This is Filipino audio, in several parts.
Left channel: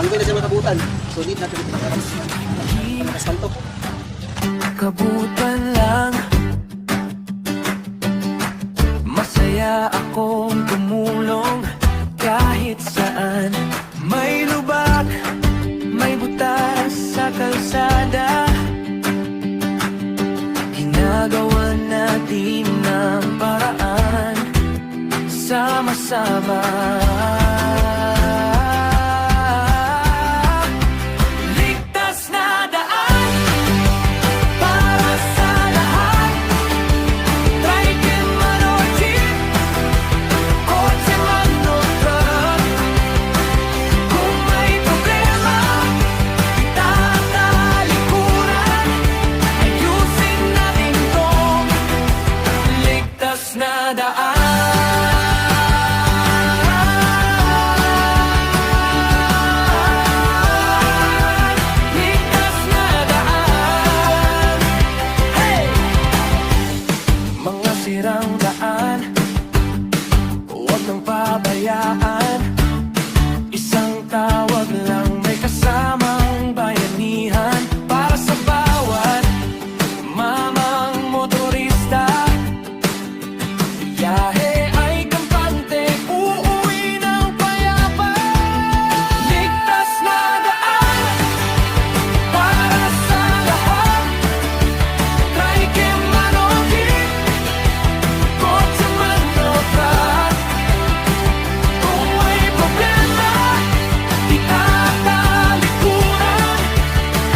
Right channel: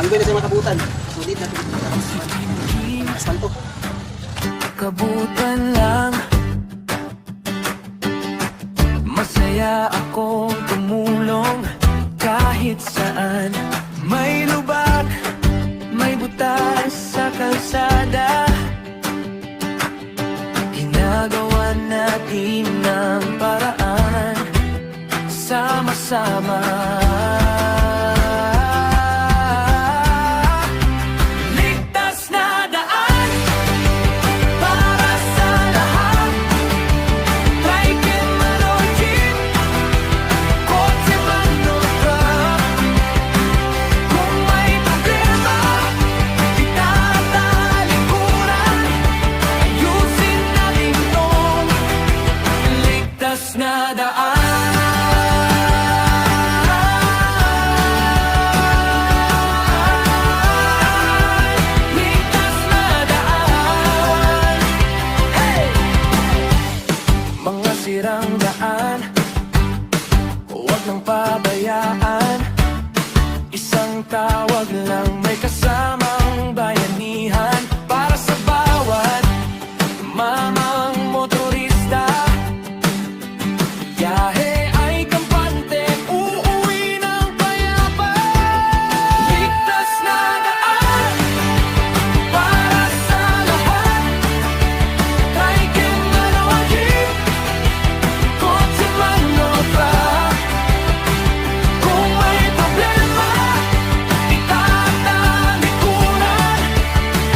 Sanggoy na sa mga kabutan. Sulit natin. Asfalto. Kabutan lang. Masaya akong tumulong kahit saan. May lubak, may butas sa kalsada. Ginagawa natin ng paraan, sama-sama. Ligtas na daan para sa lahat. Trike man o jeep, kotse man o truck. Kung may problema, itatalikuran. Ayusin natin tong ligtas na daan. Mga sirang daan, huwag nang pabayaan. Isang tawag lang, may kasamang bayanihan. Para sa bawat mamang motorista, biyahe ay kampante, uuwi ng payapa. Ligtas na daan para sa lahat. Trike man o jeep, kotse man o truck. Kung may problema, itatalikuran.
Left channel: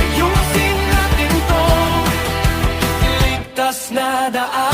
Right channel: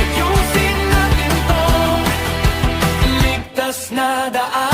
Ayusin natin tong ligtas na daan.